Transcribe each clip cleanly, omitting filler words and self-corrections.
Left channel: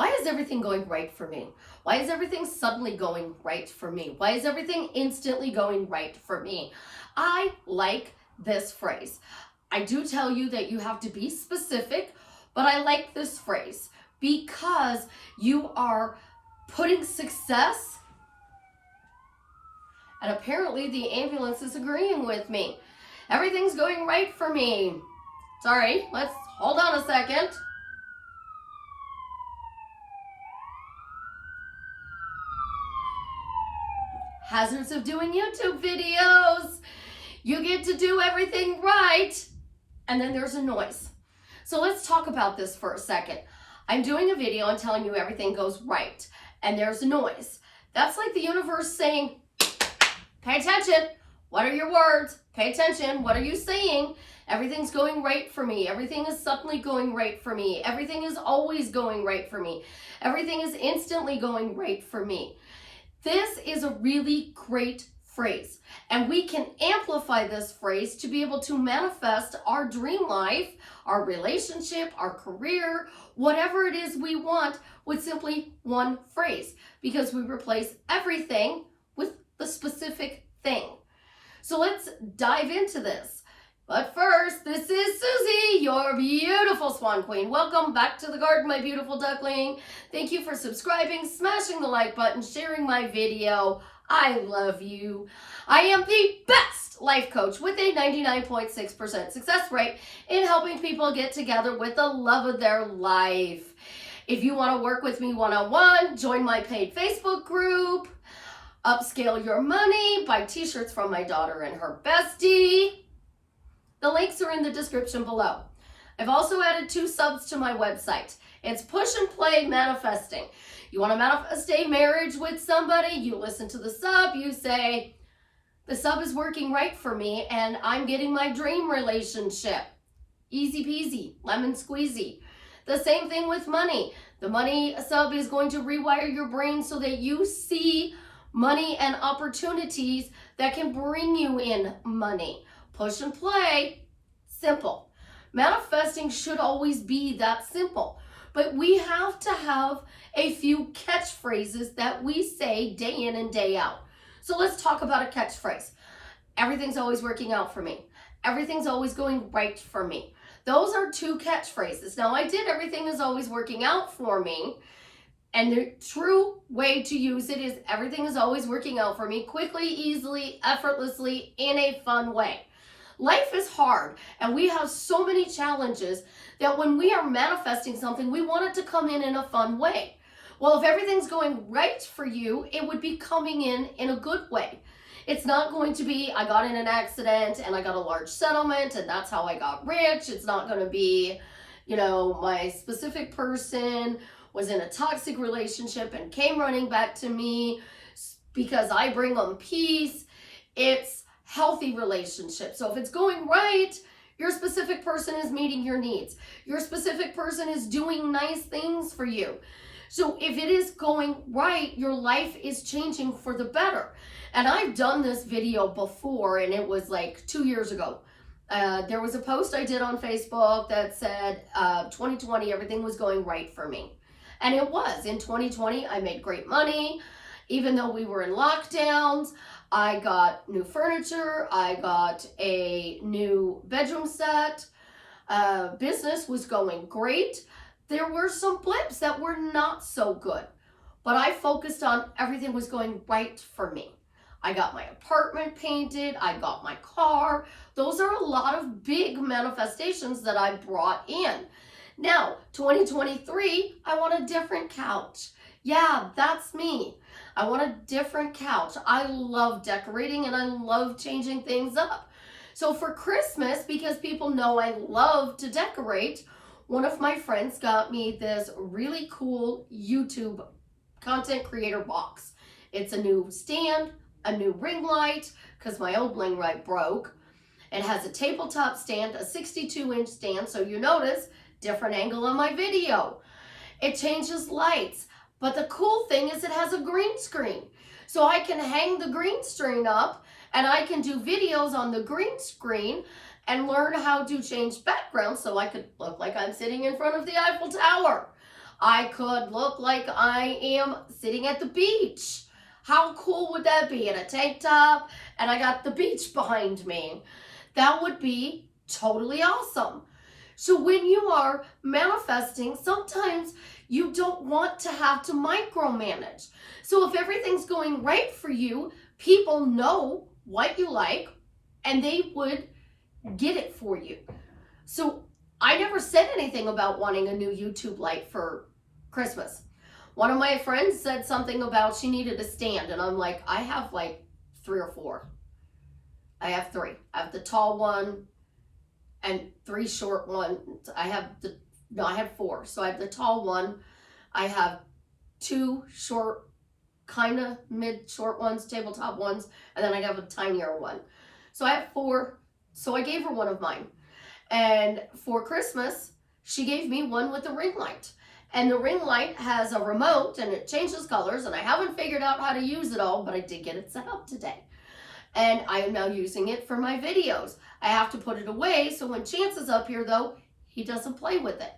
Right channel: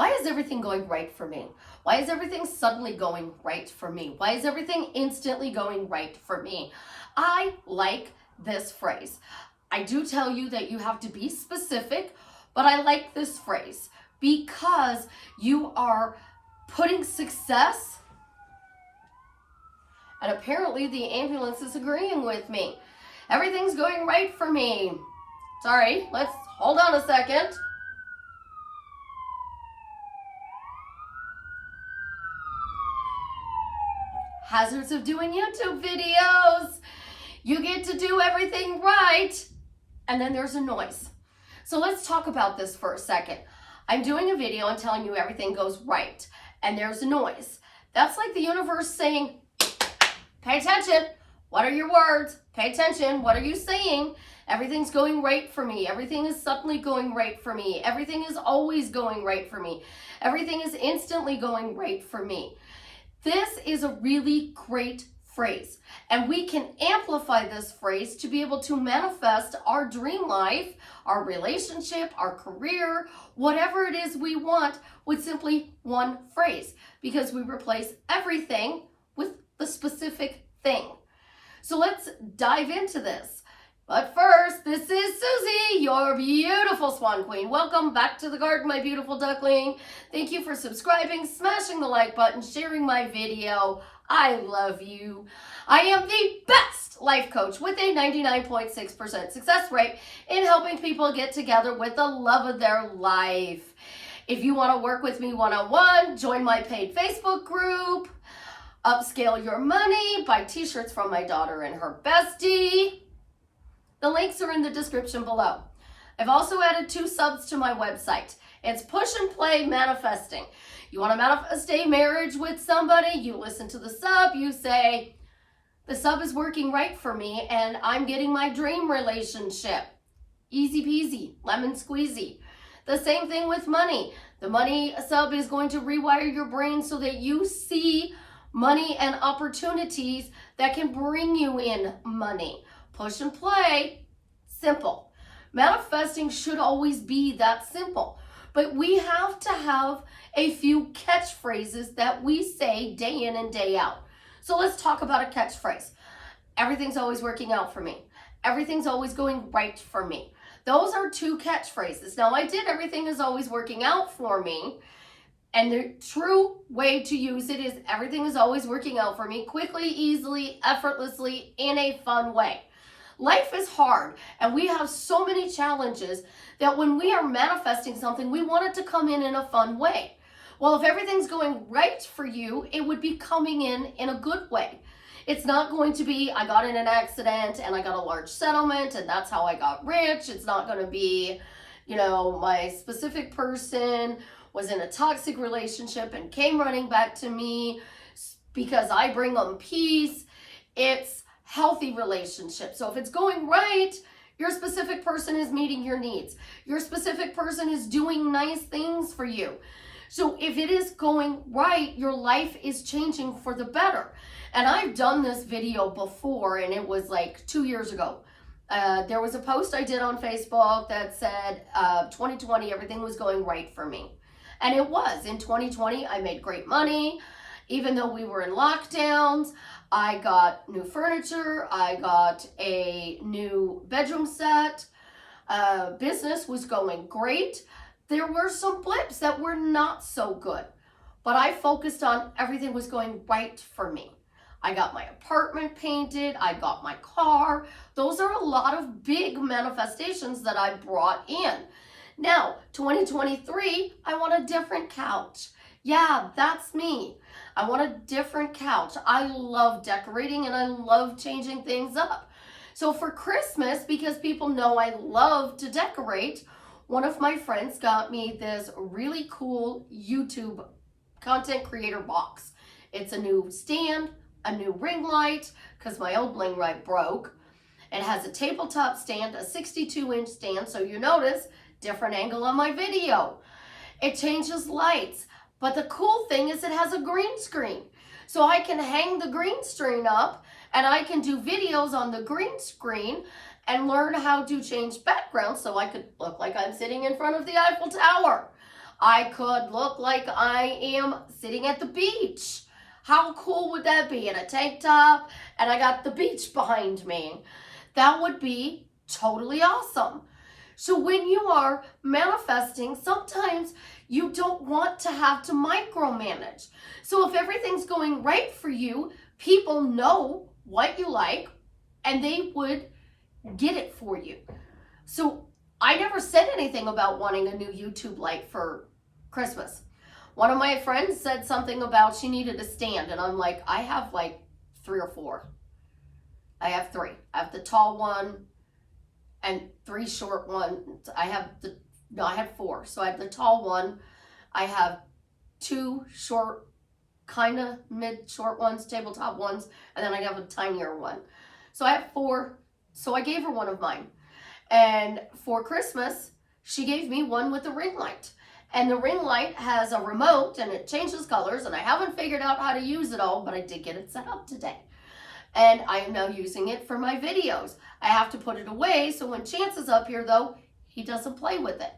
Why is everything going right for me? Why is everything suddenly going right for me? Why is everything instantly going right for me? I like this phrase. I do tell you that you have to be specific, but I like this phrase because you are putting success, and apparently the ambulance is agreeing with me. Everything's going right for me. Sorry, let's hold on a second. Hazards of doing YouTube videos. You get to do everything right, and then there's a noise. So let's talk about this for a second. I'm doing a video and telling you everything goes right, and there's a noise. That's like the universe saying, pay attention. What are your words? Pay attention. What are you saying? Everything's going right for me. Everything is suddenly going right for me. Everything is always going right for me. Everything is instantly going right for me. This is a really great phrase, and we can amplify this phrase to be able to manifest our dream life, our relationship, our career, whatever it is we want with simply one phrase, because we replace everything with the specific thing. So let's dive into this. But first, this is Susie, your beautiful swan queen. Welcome back to the garden, my beautiful duckling. Thank you for subscribing, smashing the like button, sharing my video. I love you. I am the best life coach with a 99.6% success rate in helping people get together with the love of their life. If you want to work with me one-on-one, join my paid Facebook group, upscale your money, buy t-shirts from my daughter and her bestie. The links are in the description below. I've also added 2 subs to my website. It's Push and Play Manifesting. You want to manifest a marriage with somebody, you listen to the sub, you say, the sub is working right for me and I'm getting my dream relationship. Easy peasy, lemon squeezy. The same thing with money. The money sub is going to rewire your brain so that you see money and opportunities that can bring you in money. Push and play, simple. Manifesting should always be that simple, but we have to have a few catchphrases that we say day in and day out. So let's talk about a catchphrase. Everything's always working out for me. Everything's always going right for me. Those are 2 catchphrases. Now I did everything is always working out for me, and the true way to use it is everything is always working out for me quickly, easily, effortlessly, in a fun way. Life is hard, and we have so many challenges that when we are manifesting something, we want it to come in a fun way. Well, if everything's going right for you, it would be coming in a good way. It's not going to be, I got in an accident and I got a large settlement and that's how I got rich. It's not going to be, my specific person was in a toxic relationship and came running back to me because I bring them peace. It's healthy relationship. So if it's going right, your specific person is meeting your needs. Your specific person is doing nice things for you. So if it is going right, your life is changing for the better. And I've done this video before, and it was like 2 years ago. There was a post I did on Facebook that said 2020, everything was going right for me. And it was. In 2020, I made great money. Even though we were in lockdowns, I got new furniture, I got a new bedroom set, business was going great. There were some blips that were not so good, but I focused on everything was going right for me. I got my apartment painted, I got my car. Those are a lot of big manifestations that I brought in. Now, 2023, I want a different couch. Yeah, that's me. I want a different couch. I love decorating and I love changing things up. So for Christmas, because people know I love to decorate, one of my friends got me this really cool YouTube content creator box. It's a new stand, a new ring light, because my old ring light broke. It has a tabletop stand, a 62-inch stand, so you notice different angle on my video. It changes lights. But the cool thing is it has a green screen. So I can hang the green screen up and I can do videos on the green screen and learn how to change backgrounds so I could look like I'm sitting in front of the Eiffel Tower. I could look like I am sitting at the beach. How cool would that be? In a tank top, and I got the beach behind me. That would be totally awesome. So when you are manifesting, sometimes you don't want to have to micromanage. So if everything's going right for you, people know what you like and they would get it for you. So I never said anything about wanting a new YouTube light for Christmas. One of my friends said something about she needed a stand, and I'm like, I have like 3 or 4. I have 3. I have the tall one and 3 short ones. I had 4. So I have the tall one. I have 2 short, kind of mid-short ones, tabletop ones, and then I have a tinier one. So I have 4. So I gave her one of mine. And for Christmas, she gave me one with a ring light. And the ring light has a remote and it changes colors, and I haven't figured out how to use it all, but I did get it set up today. And I am now using it for my videos. I have to put it away, so when Chance is up here though, he doesn't play with it.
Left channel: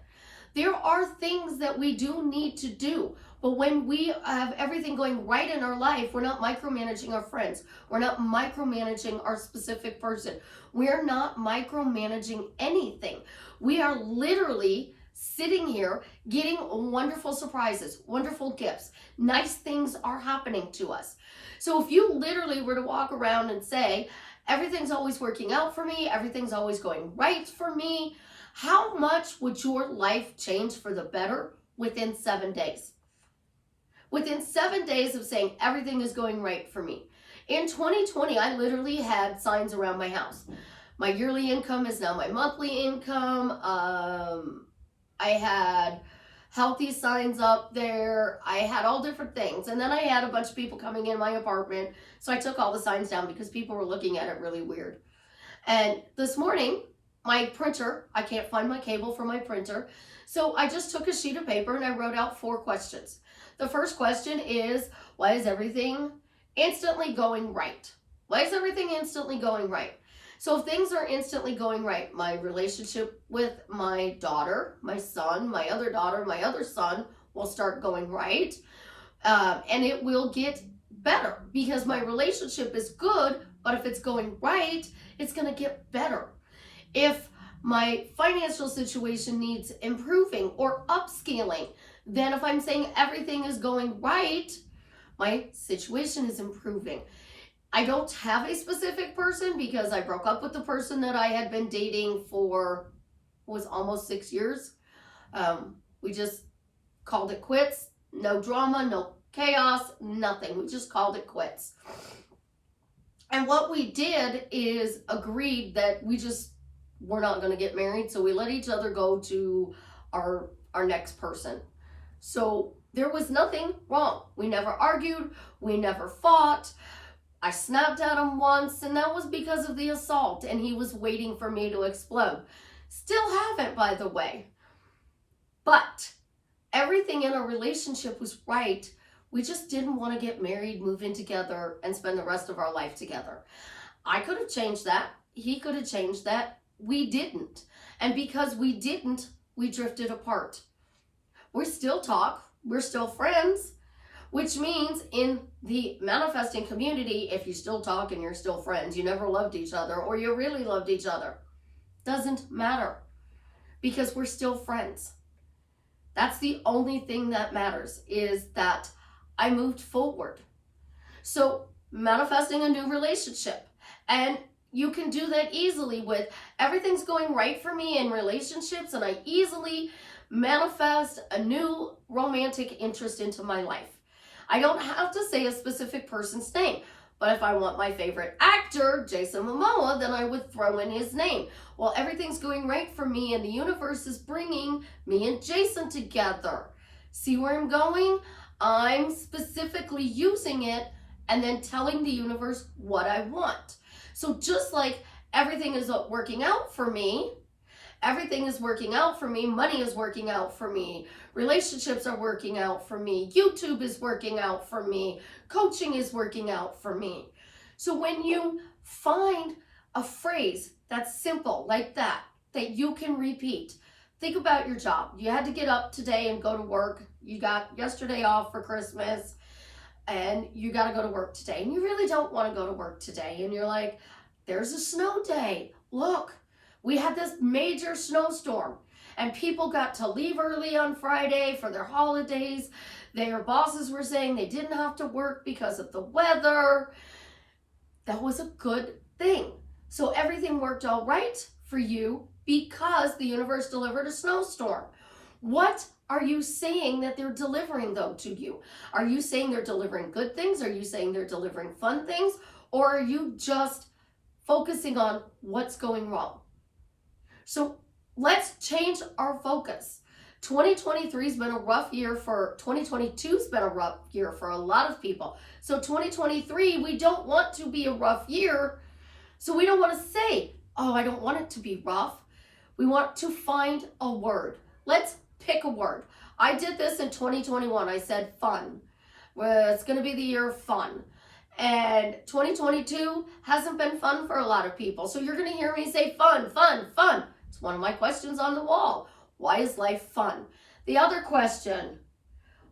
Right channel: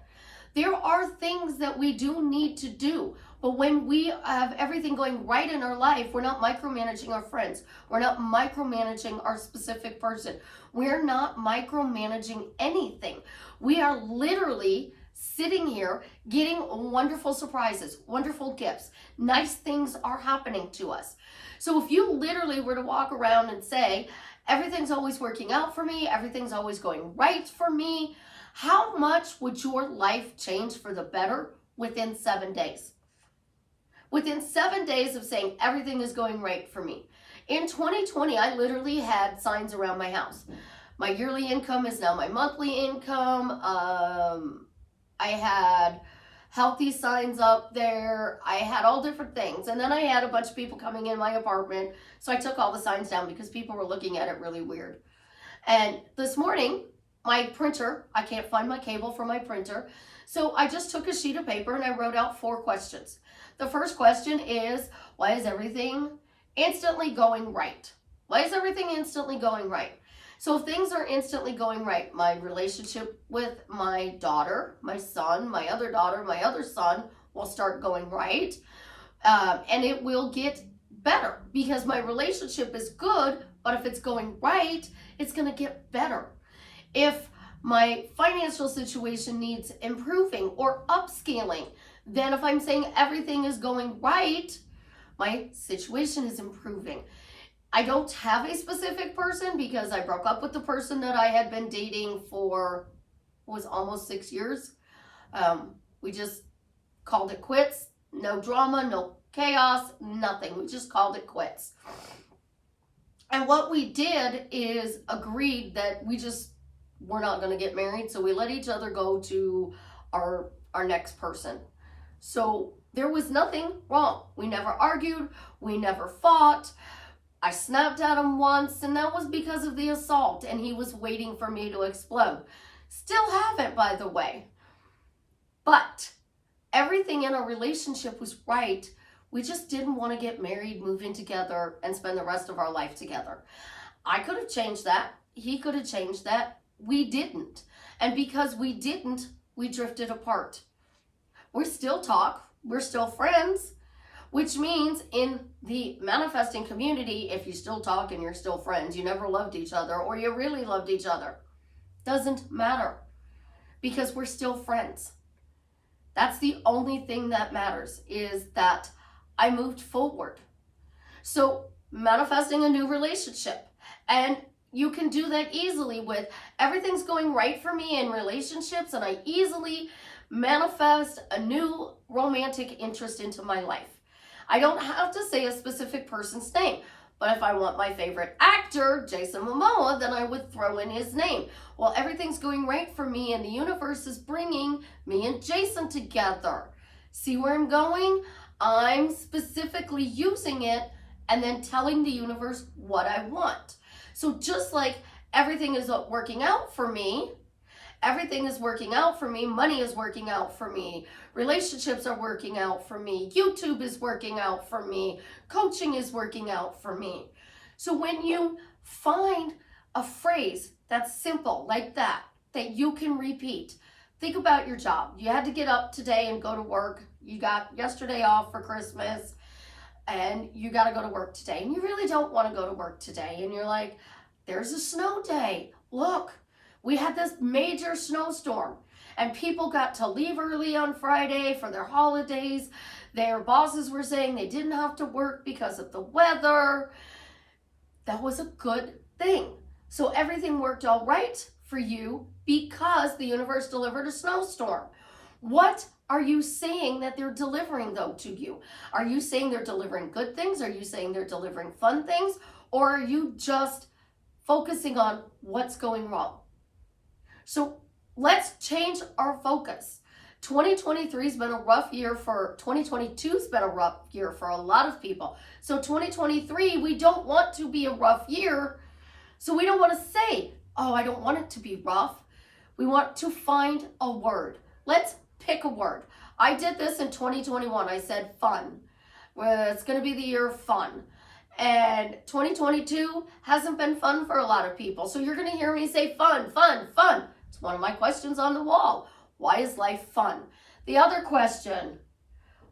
There are things that we do need to do, but when we have everything going right in our life, we're not micromanaging our friends. We're not micromanaging our specific person. We're not micromanaging anything. We are literally sitting here getting wonderful surprises, wonderful gifts. Nice things are happening to us. So if you literally were to walk around and say, everything's always working out for me, everything's always going right for me, how much would your life change for the better within 7 days? Within 7 days of saying everything is going right for me. In 2020, I literally had signs around my house. My yearly income is now my monthly income. I had healthy signs up there. I had all different things. And then I had a bunch of people coming in my apartment. So I took all the signs down because people were looking at it really weird. And this morning, my printer, I can't find my cable for my printer. So I just took a sheet of paper and I wrote out 4 questions. The first question is, why is everything instantly going right? Why is everything instantly going right? So if things are instantly going right, my relationship with my daughter, my son, my other daughter, my other son will start going right. And it will get better because my relationship is good, but if it's going right, it's going to get better. If my financial situation needs improving or upscaling, then if I'm saying everything is going right, my situation is improving. I don't have a specific person because I broke up with the person that I had been dating for, was almost 6 years. We just called it quits. No drama, no chaos, nothing. We just called it quits. And what we did is agreed that we're not going to get married. So we let each other go to our next person. So there was nothing wrong. We never argued. We never fought. I snapped at him once, and that was because of the assault, and he was waiting for me to explode. Still haven't, by the way. But everything in our relationship was right. We just didn't want to get married, move in together, and spend the rest of our life together. I could have changed that. He could have changed that. We didn't. And because we didn't, we drifted apart. We still talk. We're still friends. Which means in the manifesting community, if you still talk and you're still friends, you never loved each other or you really loved each other, doesn't matter because we're still friends. That's the only thing that matters, is that I moved forward. So manifesting a new relationship, and you can do that easily with everything's going right for me in relationships, and I easily manifest a new romantic interest into my life. I don't have to say a specific person's name, but if I want my favorite actor, Jason Momoa, then I would throw in his name. Well, everything's going right for me and the universe is bringing me and Jason together. See where I'm going? I'm specifically using it and then telling the universe what I want. So just like everything is working out for me, everything is working out for me, money is working out for me, relationships are working out for me, YouTube is working out for me, coaching is working out for me. So when you find a phrase that's simple like that you can repeat, think about your job. You had to get up today and go to work. You got yesterday off for Christmas and you got to go to work today. And you really don't want to go to work today. And you're like, there's a snow day. Look, we had this major snowstorm and people got to leave early on Friday for their holidays. Their bosses were saying they didn't have to work because of the weather. That was a good thing. So everything worked all right for you because the universe delivered a snowstorm. What are you saying that they're delivering though to you? Are you saying they're delivering good things? Are you saying they're delivering fun things? Or are you just focusing on what's going wrong? So let's change our focus. 2023 has been a rough year 2022 has been a rough year for a lot of people. So 2023, we don't want to be a rough year. So we don't want to say, oh, I don't want it to be rough. We want to find a word. Let's pick a word. I did this in 2021. I said fun. Well, it's going to be the year of fun. And 2022 hasn't been fun for a lot of people. So you're going to hear me say fun, fun, fun. It's one of my questions on the wall. Why is life fun? The other question,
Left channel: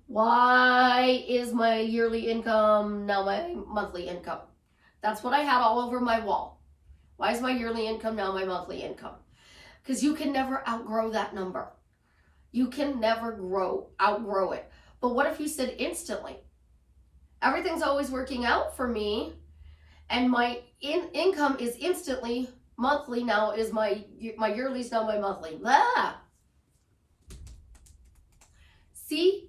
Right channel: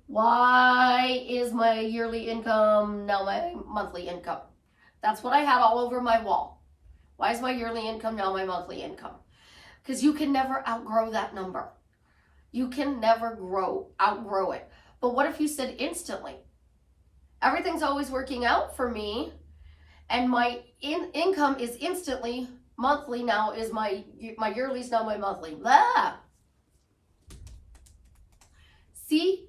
why is my yearly income now my monthly income? That's what I had all over my wall. Why is my yearly income now my monthly income? Because you can never outgrow that number. You can never outgrow it. But what if you said instantly? Everything's always working out for me and my income is instantly monthly now is my yearly is now my monthly. Ah! See,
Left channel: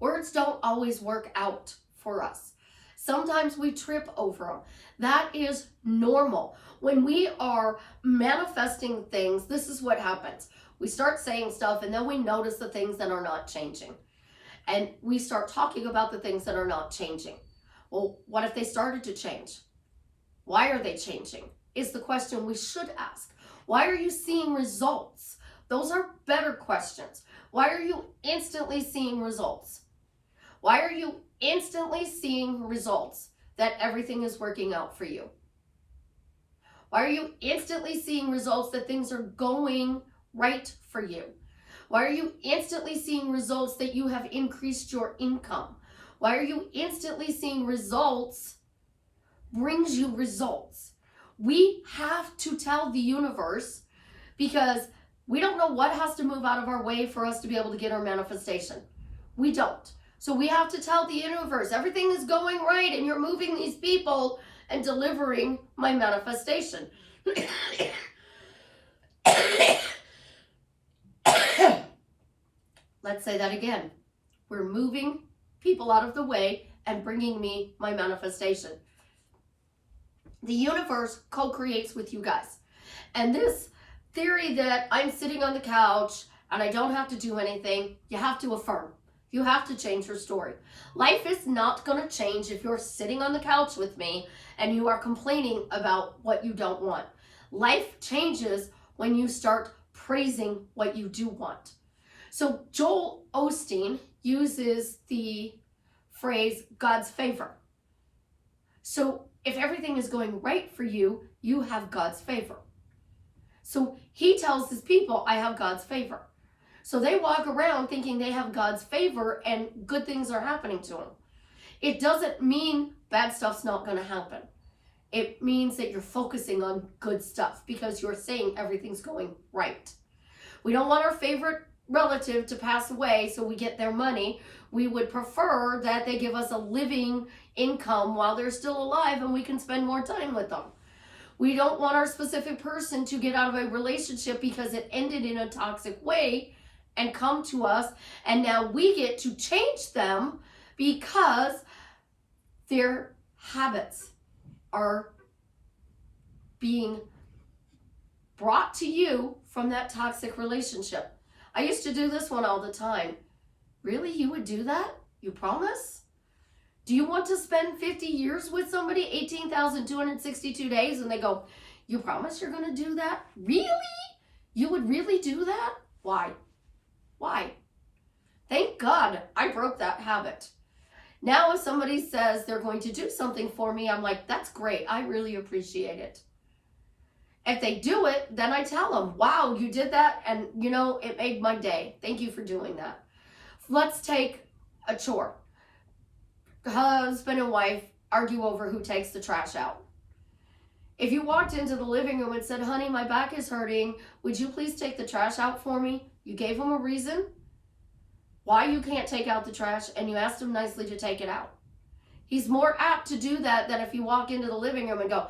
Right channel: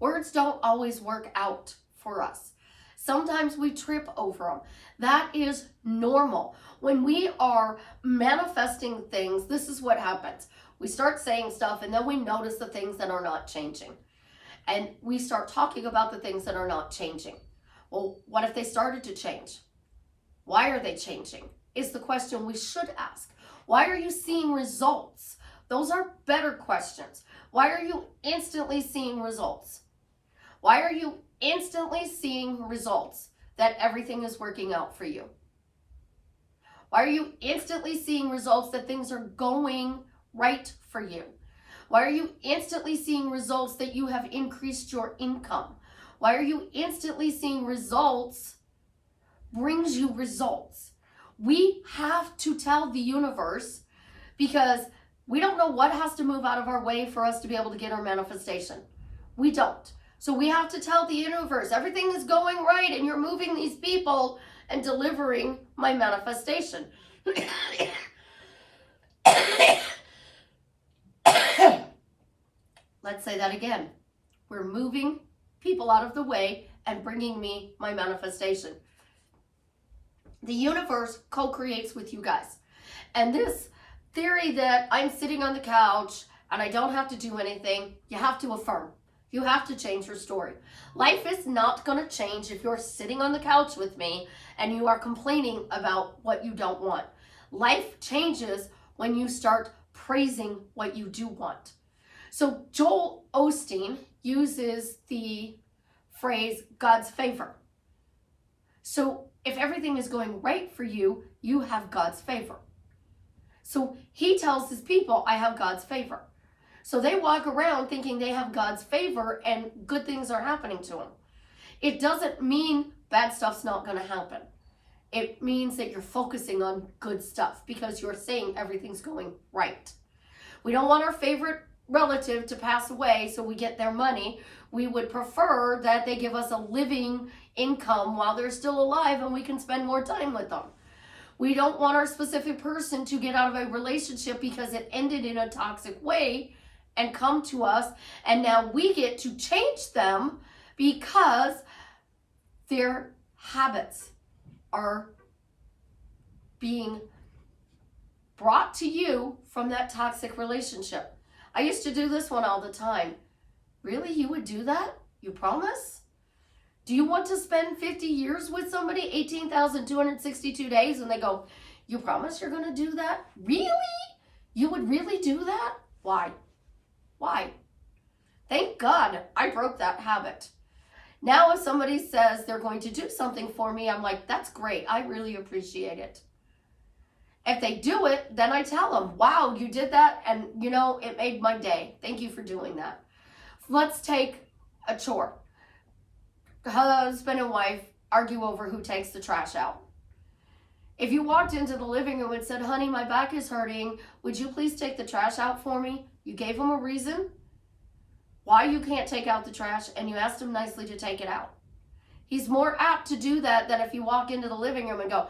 words don't always work out for us. Sometimes we trip over them. That is normal. When we are manifesting things, this is what happens. We start saying stuff and then we notice the things that are not changing. And we start talking about the things that are not changing. Well, what if they started to change? Why are they changing? Is the question we should ask. Why are you seeing results? Those are better questions. Why are you instantly seeing results? Why are you instantly seeing results that everything is working out for you? Why are you instantly seeing results that things are going right for you? Why are you instantly seeing results that you have increased your income? Why are you instantly seeing results brings you results? We have to tell the universe because we don't know what has to move out of our way for us to be able to get our manifestation. We don't. So we have to tell the universe, everything is going right and you're moving these people and delivering my manifestation. Let's say that again. We're moving people out of the way and bringing me my manifestation. The universe co-creates with you guys. And this theory that I'm sitting on the couch and I don't have to do anything, you have to affirm. You have to change your story. Life is not going to change if you're sitting on the couch with me and you are complaining about what you don't want. Life changes when you start praising what you do want. So Joel Osteen uses the phrase God's favor. So if everything is going right for you, you have God's favor. So he tells his people, I have God's favor. So they walk around thinking they have God's favor and good things are happening to them. It doesn't mean bad stuff's not going to happen. It means that you're focusing on good stuff because you're saying everything's going right. We don't want our favorite relative to pass away so we get their money. We would prefer that they give us a living income while they're still alive and we can spend more time with them. We don't want our specific person to get out of a relationship because it ended in a toxic way and come to us, and now we get to change them because their habits are being brought to you from that toxic relationship. I used to do this one all the time. Really? You would do that? You promise? Do you want to spend 50 years with somebody, 18,262 days, and they go, you promise you're going to do that? Really? You would really do that? Why? Why? Thank God I broke that habit. Now if somebody says they're going to do something for me, I'm like, that's great. I really appreciate it. If they do it, then I tell them, wow, you did that, and you know, it made my day. Thank you for doing that. Let's take a chore. Husband and wife argue over who takes the trash out. If you walked into the living room and said, honey, my back is hurting, would you please take the trash out for me? You gave him a reason why you can't take out the trash, and you asked him nicely to take it out. He's more apt to do that than if you walk into the living room and go,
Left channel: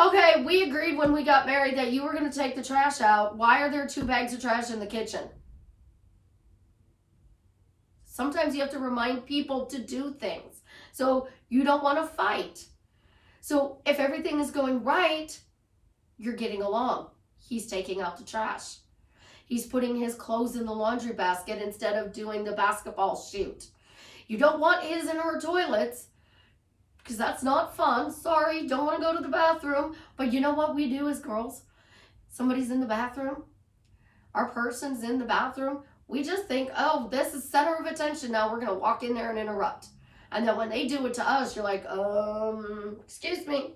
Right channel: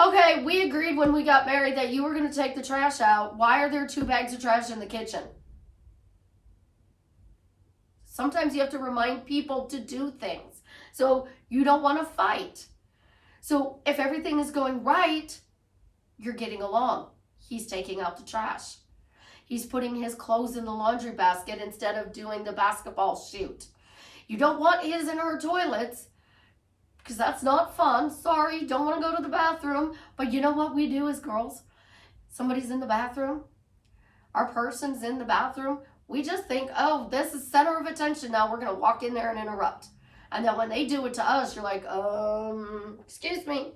okay, we agreed when we got married that you were going to take the trash out. Why are there 2 bags of trash in the kitchen? Sometimes you have to remind people to do things. So you don't want to fight. So if everything is going right, you're getting along. He's taking out the trash. He's putting his clothes in the laundry basket instead of doing the basketball shoot. You don't want his and her toilets because that's not fun. Sorry, don't want to go to the bathroom. But you know what we do as girls? Somebody's in the bathroom. Our person's in the bathroom. We just think, oh, this is center of attention. Now we're going to walk in there and interrupt. And then when they do it to us, you're like, excuse me.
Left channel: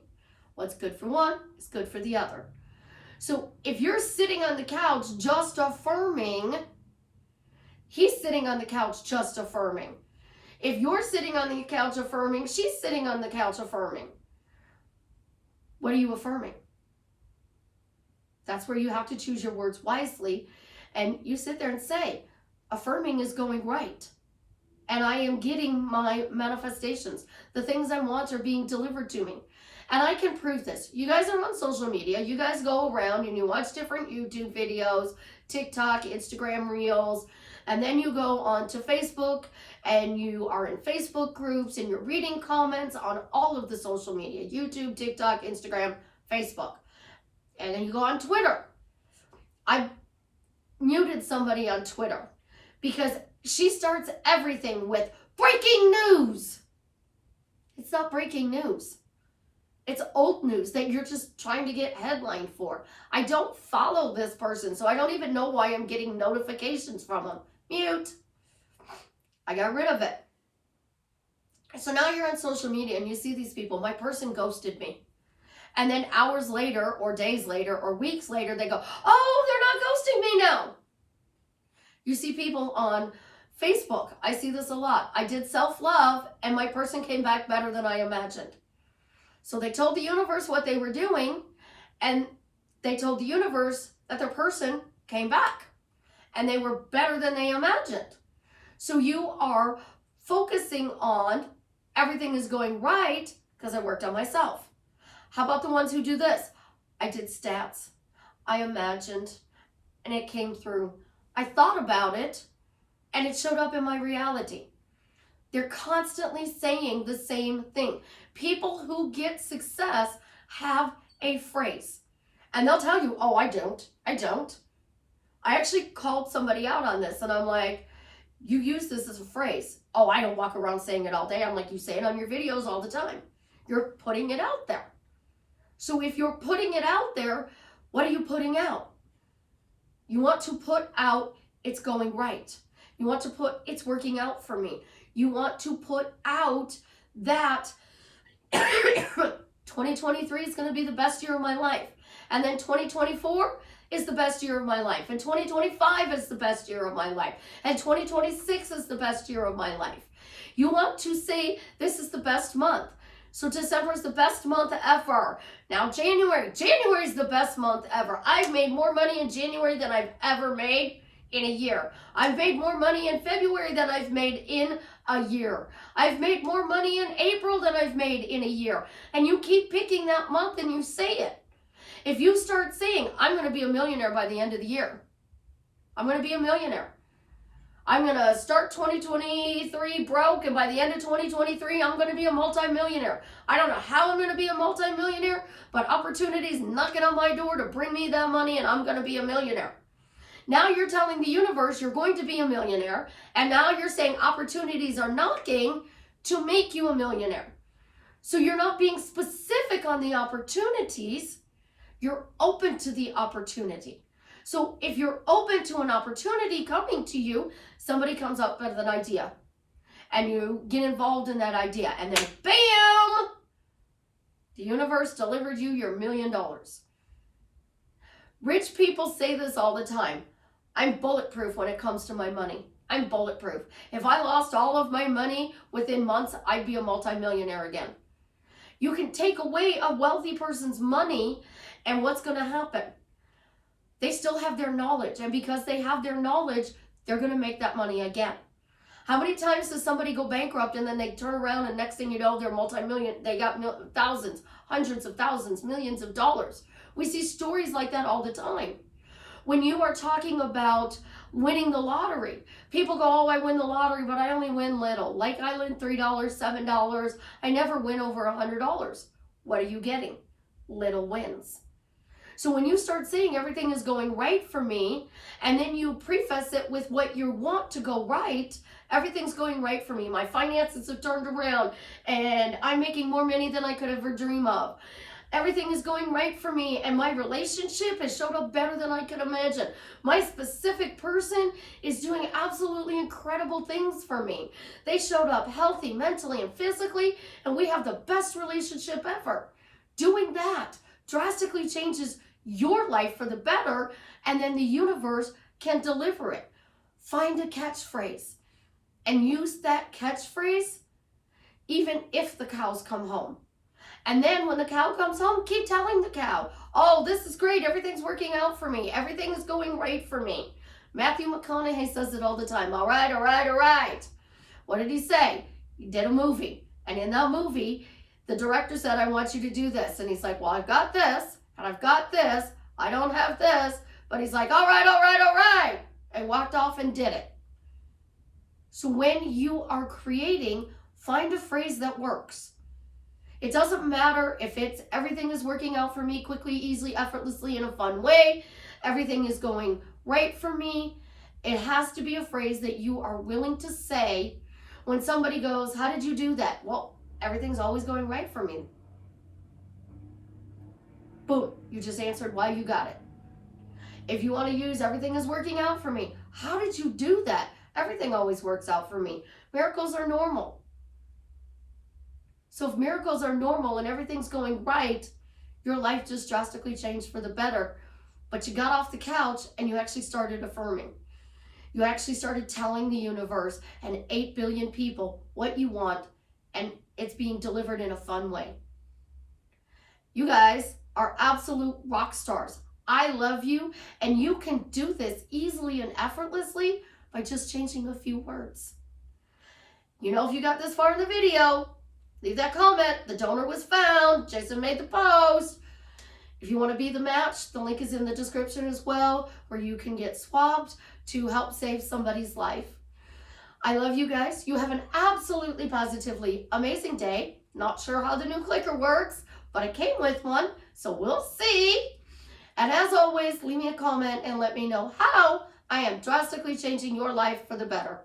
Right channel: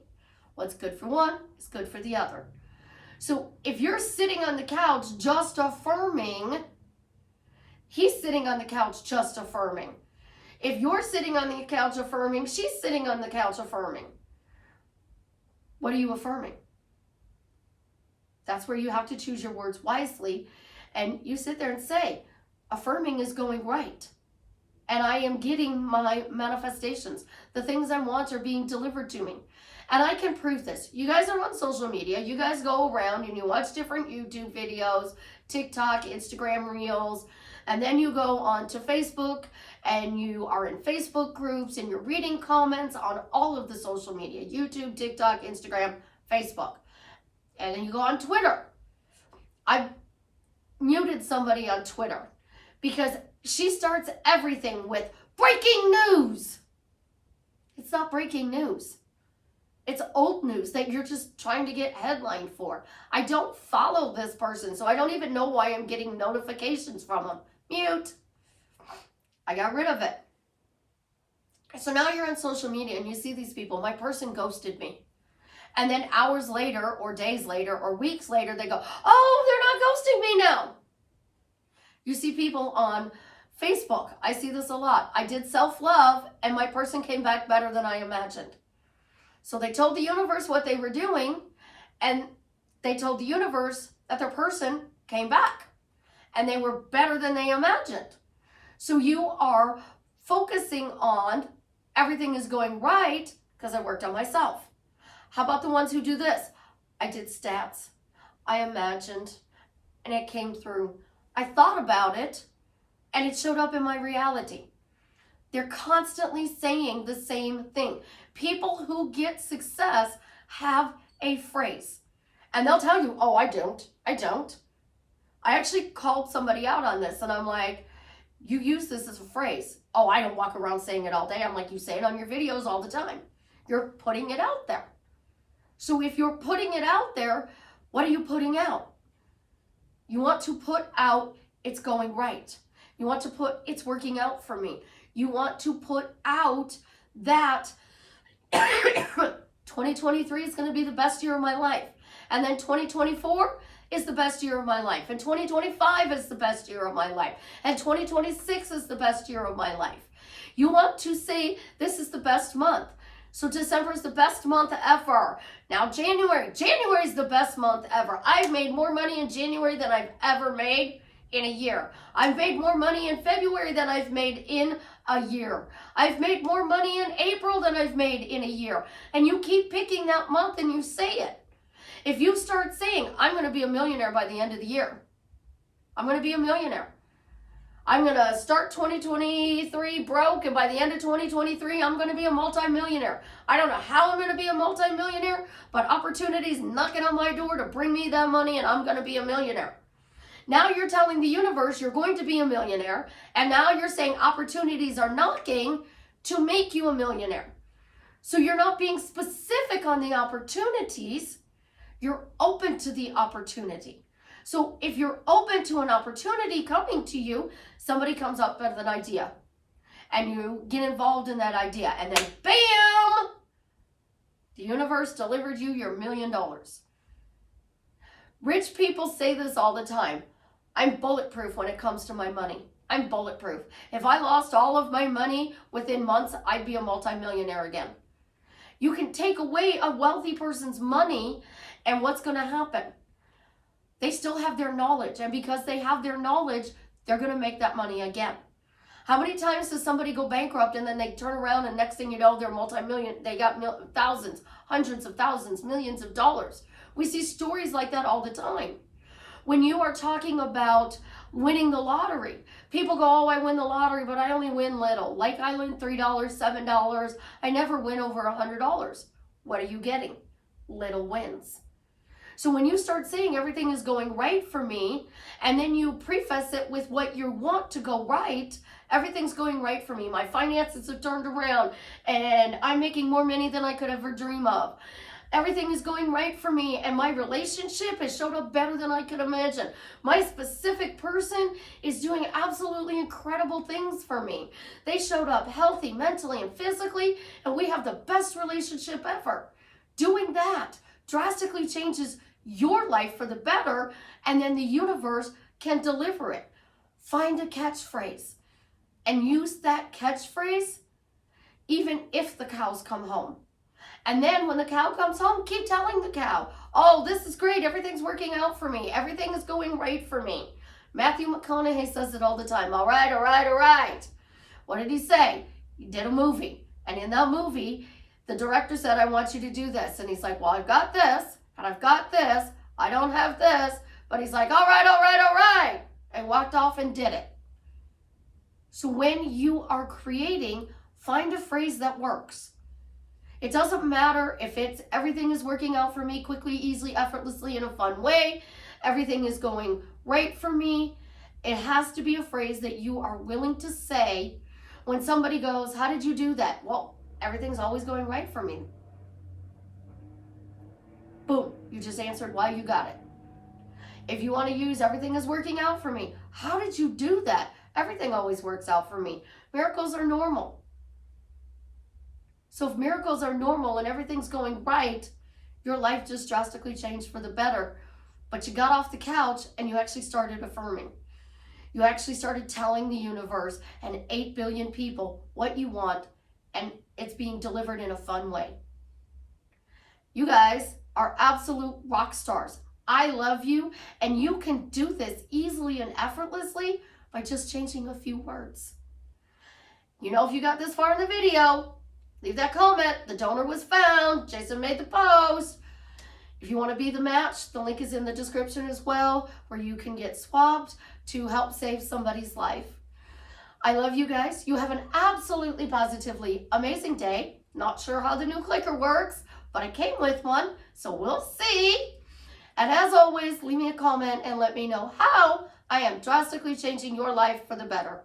What's good for one is good for the other. So if you're sitting on the couch just affirming, he's sitting on the couch just affirming. If you're sitting on the couch affirming, she's sitting on the couch affirming. What are you affirming? That's where you have to choose your words wisely. And you sit there and say, affirming is going right. And I am getting my manifestations. The things I want are being delivered to me. And I can prove this. You guys are on social media. You guys go around and you watch different YouTube videos, TikTok, Instagram Reels, and then you go on to Facebook and you are in Facebook groups and you're reading comments on all of the social media, YouTube, TikTok, Instagram, Facebook. And then you go on Twitter. I muted somebody on Twitter because she starts everything with breaking news. It's not breaking news. It's old news that you're just trying to get headline for. I don't follow this person, so I don't even know why I'm getting notifications from them. Mute. I got rid of it. So now you're on social media and you see these people. My person ghosted me. And then hours later or days later or weeks later, they go, oh, they're not ghosting me now. You see people on Facebook. I see this a lot. I did self-love and my person came back better than I imagined. So they told the universe what they were doing, and they told the universe that their person came back, and they were better than they imagined. So you are focusing on everything is going right because I worked on myself. How about the ones who do this? I did stats. I imagined, and it came through. I thought about it, and it showed up in my reality. They're constantly saying the same thing. People who get success have a phrase. And they'll tell you, oh, I don't. I actually called somebody out on this. And I'm like, you use this as a phrase. Oh, I don't walk around saying it all day. I'm like, you say it on your videos all the time. You're putting it out there. So if you're putting it out there, what are you putting out? You want to put out, it's going right. You want to put, it's working out for me. You want to put out that 2023 is going to be the best year of my life. And then 2024 is the best year of my life. And 2025 is the best year of my life. And 2026 is the best year of my life. You want to say this is the best month. So December is the best month ever. Now January is the best month ever. I've made more money in January than I've ever made in a year. I've made more money in February than I've made in a year. I've made more money in April than I've made in a year. And you keep picking that month and you say it. If you start saying, I'm going to be a millionaire by the end of the year. I'm going to be a millionaire. I'm going to start 2023 broke, and by the end of 2023, I'm going to be a multimillionaire. I don't know how I'm going to be a multimillionaire, but opportunities knocking on my door to bring me that money, and I'm going to be a millionaire. Now you're telling the universe you're going to be a millionaire, and now you're saying opportunities are knocking to make you a millionaire. So you're not being specific on the opportunities, you're open to the opportunity. So if you're open to an opportunity coming to you, somebody comes up with an idea, and you get involved in that idea, and then bam, the universe delivered you your $1 million. Rich people say this all the time. I'm bulletproof when it comes to my money. I'm bulletproof. If I lost all of my money within months, I'd be a multimillionaire again. You can take away a wealthy person's money, and what's going to happen? They still have their knowledge, and because they have their knowledge, they're going to make that money again. How many times does somebody go bankrupt and then they turn around and next thing you know, they're multi-million, they got thousands, hundreds of thousands, millions of dollars. We see stories like that all the time. When you are talking about winning the lottery, people go, oh, I win the lottery, but I only win little. Like I win $3, $7. I never win over $100. What are you getting? Little wins. So when you start saying everything is going right for me, and then you preface it with what you want to go right, everything's going right for me. My finances have turned around, and I'm making more money than I could ever dream of. Everything is going right for me, and my relationship has showed up better than I could imagine. My specific person is doing absolutely incredible things for me. They showed up healthy, mentally, and physically, and we have the best relationship ever. Doing that drastically changes your life for the better, and then the universe can deliver it. Find a catchphrase and use that catchphrase even if the cows come home. And then when the cow comes home, keep telling the cow, oh, this is great. Everything's working out for me. Everything is going right for me. Matthew McConaughey says it all the time. All right, all right, all right. What did he say? He did a movie. And in that movie, the director said, I want you to do this. And he's like, well, I've got this, and I've got this. I don't have this. But he's like, all right, all right, all right. And walked off and did it. So when you are creating, find a phrase that works. It doesn't matter if it's everything is working out for me quickly, easily, effortlessly, in a fun way. Everything is going right for me. It has to be a phrase that you are willing to say when somebody goes, how did you do that? Well, everything's always going right for me. Boom, you just answered why you got it. If you want to use everything is working out for me, how did you do that? Everything always works out for me. Miracles are normal. So if miracles are normal and everything's going right, your life just drastically changed for the better. But you got off the couch and you actually started affirming. You actually started telling the universe and 8 billion people what you want, and it's being delivered in a fun way. You guys are absolute rock stars. I love you, and you can do this easily and effortlessly by just changing a few words. You know, if you got this far in the video, leave that comment. The donor was found. Jason made the post. If you want to be the match, the link is in the description as well, where you can get swabbed to help save somebody's life. I love you guys. You have an absolutely positively amazing day. Not sure how the new clicker works, but I came with one, so we'll see. And as always, leave me a comment and let me know how I am drastically changing your life for the better.